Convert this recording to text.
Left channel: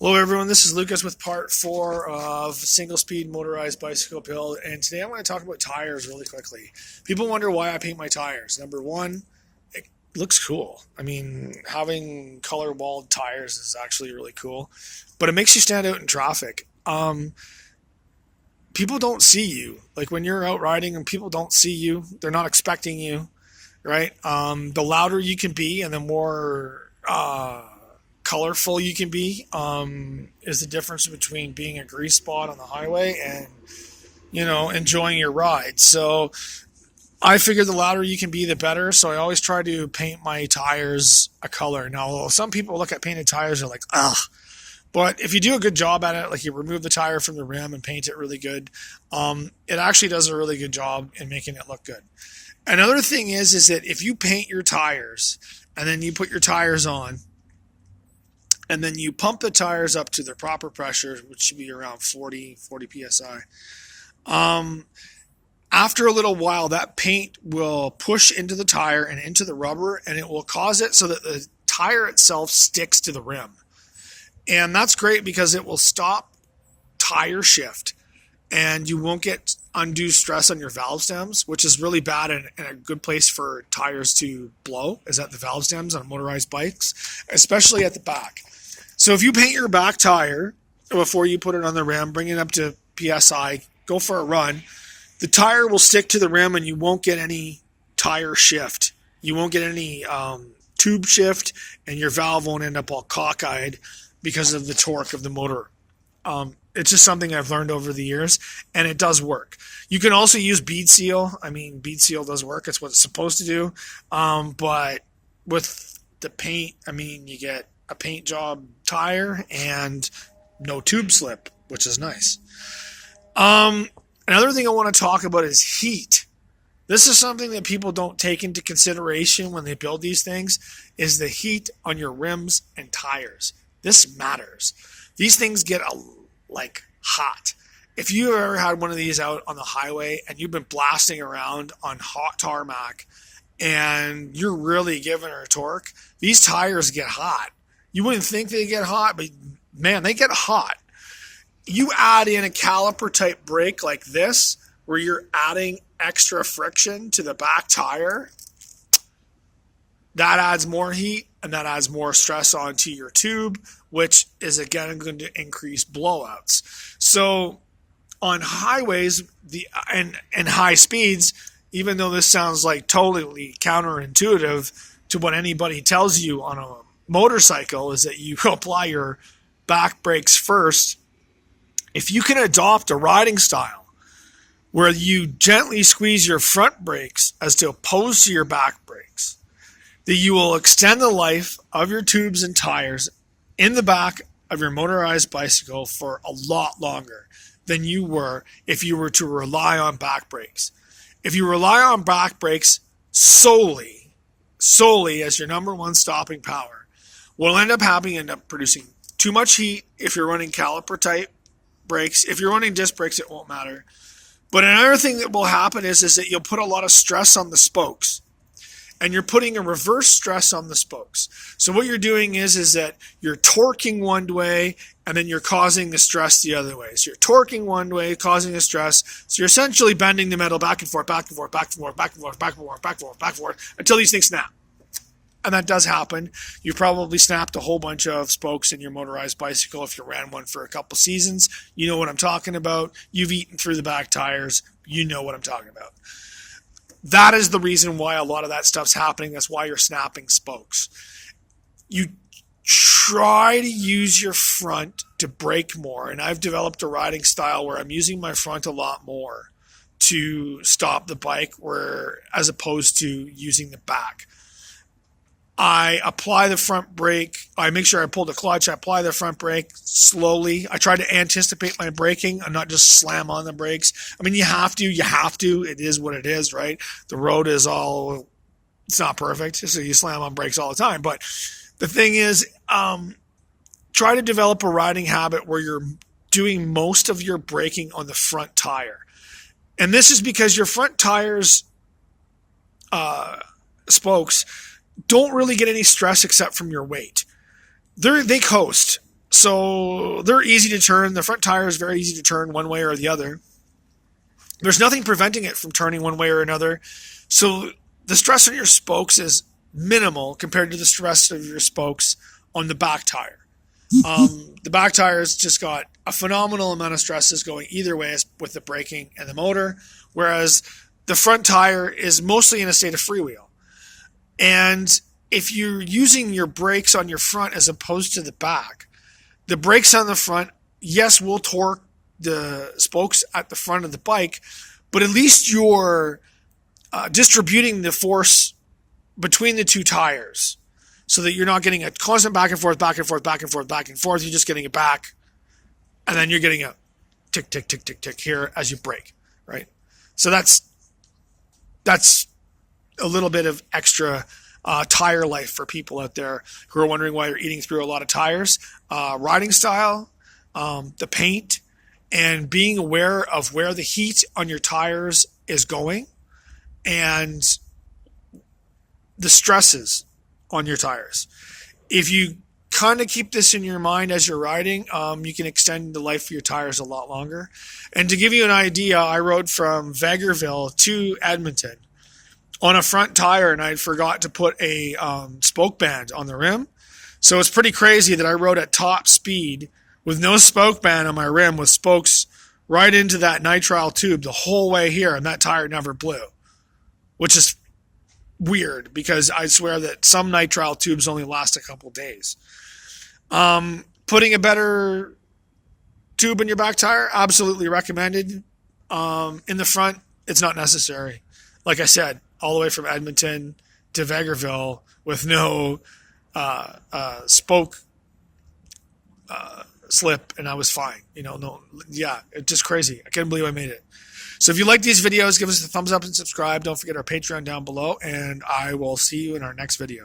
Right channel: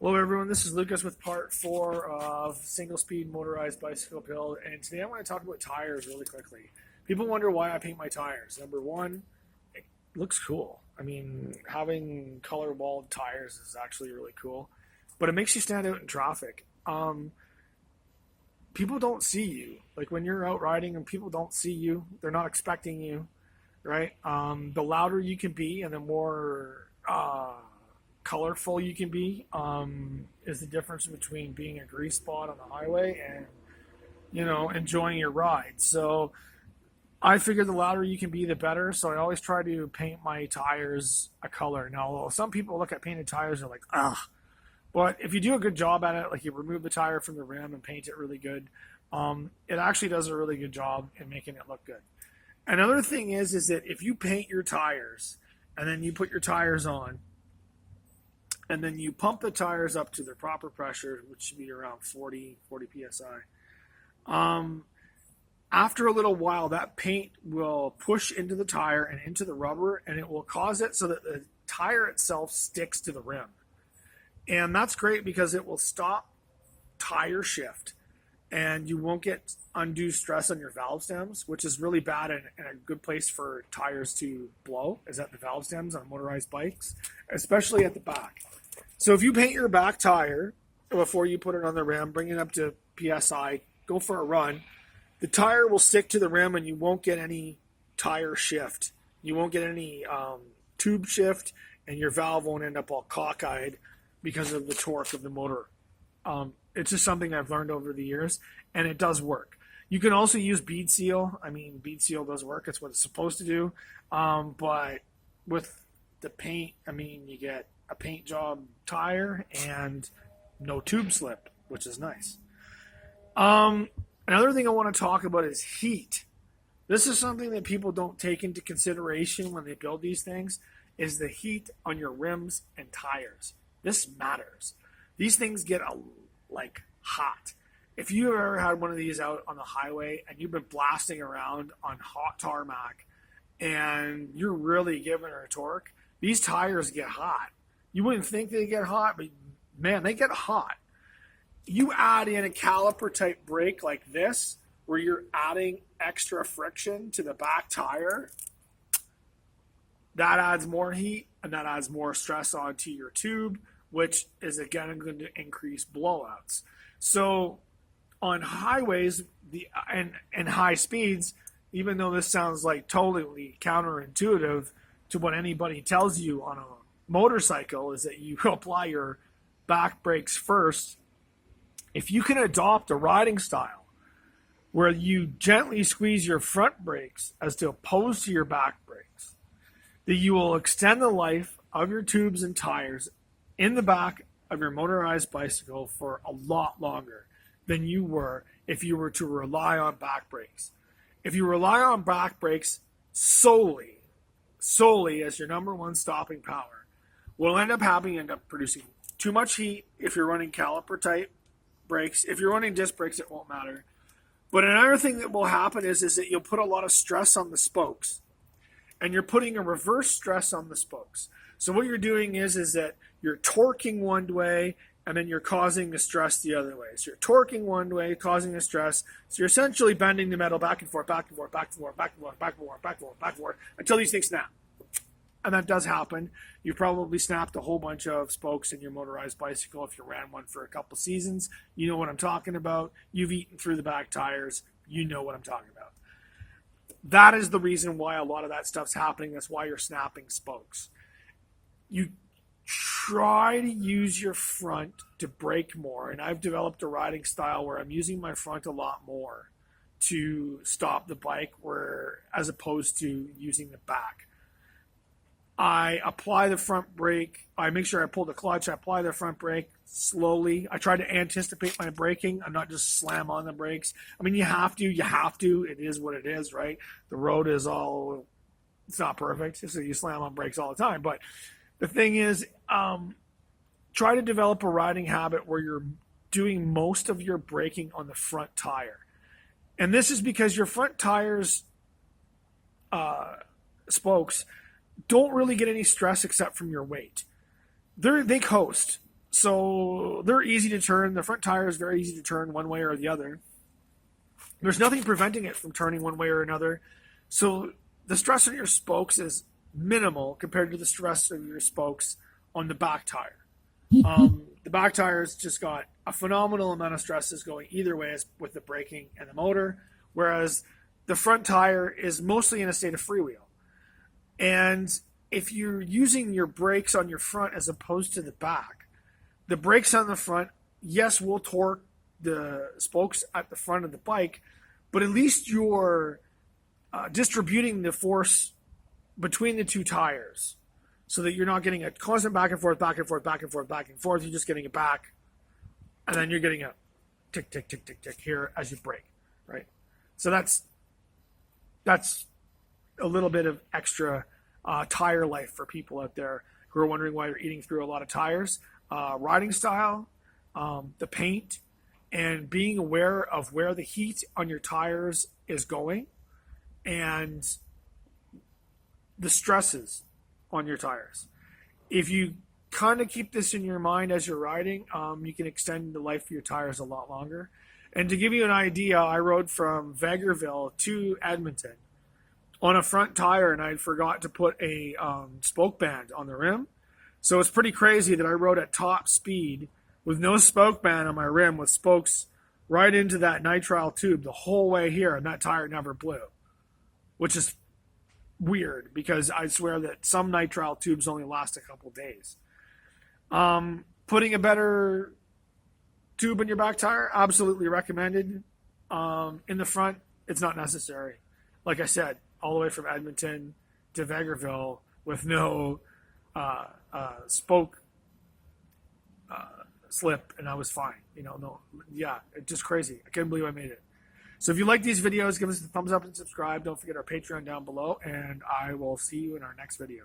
Hello, everyone. This is Lucas with part 4 of Single Speed Motorized Bicycle Build, and today I want to talk about tires really quickly. People wonder why I paint my tires. Number one, it looks cool. I mean, having color walled tires is actually really cool, but it makes you stand out in traffic. People don't see you. Like when you're out riding and people don't see you, they're not expecting you, right? The louder you can be and the more colorful you can be is the difference between being a grease spot on the highway and enjoying your ride. So I figure the louder you can be, the better. So I always try to paint my tires a color. Now, some people look at painted tires and are like, ugh. But if you do a good job at it, like you remove the tire from the rim and paint it really good, it actually does a really good job in making it look good. Another thing is that if you paint your tires and then you put your tires on and then you pump the tires up to their proper pressure, which should be around 40 psi. After a little while, that paint will push into the tire and into the rubber, and it will cause it so that the tire itself sticks to the rim. And that's great because it will stop tire shift, and you won't get undue stress on your valve stems, which is really bad and a good place for tires to blow, is at the valve stems on motorized bikes, especially at the back. So if you paint your back tire before you put it on the rim, bring it up to PSI, go for a run, the tire will stick to the rim and you won't get any tire shift. You won't get any tube shift, and your valve won't end up all cockeyed because of the torque of the motor. It's just something I've learned over the years, and it does work. You can also use bead seal. I mean, bead seal does work. It's what it's supposed to do. But with the paint, I mean, you get a paint job tire and no tube slip, which is nice. Another thing I want to talk about is heat. This is something that people don't take into consideration when they build these things, is the heat on your rims and tires. This matters. These things get hot. If you ever had one of these out on the highway and you've been blasting around on hot tarmac and you're really giving her a torque, these tires get hot. You wouldn't think they get hot, but man, they get hot. You add in a caliper type brake like this, where you're adding extra friction to the back tire, that adds more heat and that adds more stress onto your tube, which is again going to increase blowouts. So on highways and high speeds, even though this sounds like totally counterintuitive to what anybody tells you on a motorcycle, is that you apply your back brakes first. If you can adopt a riding style where you gently squeeze your front brakes as opposed to your back brakes, that you will extend the life of your tubes and tires in the back of your motorized bicycle for a lot longer than you were if you were to rely on back brakes. If you rely on back brakes solely as your number one stopping power, what will end up happening, end up producing too much heat if you're running caliper type brakes. If you're running disc brakes, it won't matter. But another thing that will happen is that you'll put a lot of stress on the spokes, and you're putting a reverse stress on the spokes. So what you're doing is that you're torquing one way and then you're causing the stress the other way. So you're torquing one way, causing the stress. So you're essentially bending the metal back and forth, back and forth, back and forth, back and forth, back and forth, back and forth, back and forth, until these things snap. And that does happen. You've probably snapped a whole bunch of spokes in your motorized bicycle if you ran one for a couple seasons. You know what I'm talking about. You've eaten through the back tires. You know what I'm talking about. That is the reason why a lot of that stuff's happening. That's why you're snapping spokes. You try to use your front to brake more, and I've developed a riding style where I'm using my front a lot more to stop the bike, as opposed to using the back. I apply the front brake. I make sure I pull the clutch. I apply the front brake slowly. I try to anticipate my braking and not just slam on the brakes. I mean, you have to. It is what it is, right? The road is it's not perfect, so you slam on brakes all the time. But the thing is, try to develop a riding habit where you're doing most of your braking on the front tire. And this is because your front tires, spokes, don't really get any stress except from your weight. They coast. So they're easy to turn. The front tire is very easy to turn one way or the other. There's nothing preventing it from turning one way or another. So the stress on your spokes is minimal compared to the stress of your spokes on the back tire. The back tire has just got a phenomenal amount of stresses going either way with the braking and the motor, whereas the front tire is mostly in a state of freewheel. And if you're using your brakes on your front as opposed to the back, the brakes on the front, yes, will torque the spokes at the front of the bike, but at least you're distributing the force between the two tires so that you're not getting a constant back and forth, back and forth, back and forth, back and forth. You're just getting it back, and then you're getting a tick, tick, tick, tick, tick here as you brake, right? So that's a little bit of extra tire life for people out there who are wondering why you're eating through a lot of tires. Riding style, the paint, and being aware of where the heat on your tires is going and the stresses on your tires. If you kind of keep this in your mind as you're riding, you can extend the life of your tires a lot longer. And to give you an idea, I rode from Vegreville to Edmonton on a front tire, and I forgot to put a spoke band on the rim. So it's pretty crazy that I rode at top speed with no spoke band on my rim with spokes right into that nitrile tube the whole way here, and that tire never blew, which is weird because I swear that some nitrile tubes only last a couple days. Putting a better tube in your back tire, absolutely recommended. In the front, it's not necessary. Like I said, all the way from Edmonton to Vegreville with no spoke slip, and I was fine. It's just crazy. I can't believe I made it. So if you like these videos, give us a thumbs up and subscribe. Don't forget our Patreon down below, and I will see you in our next video.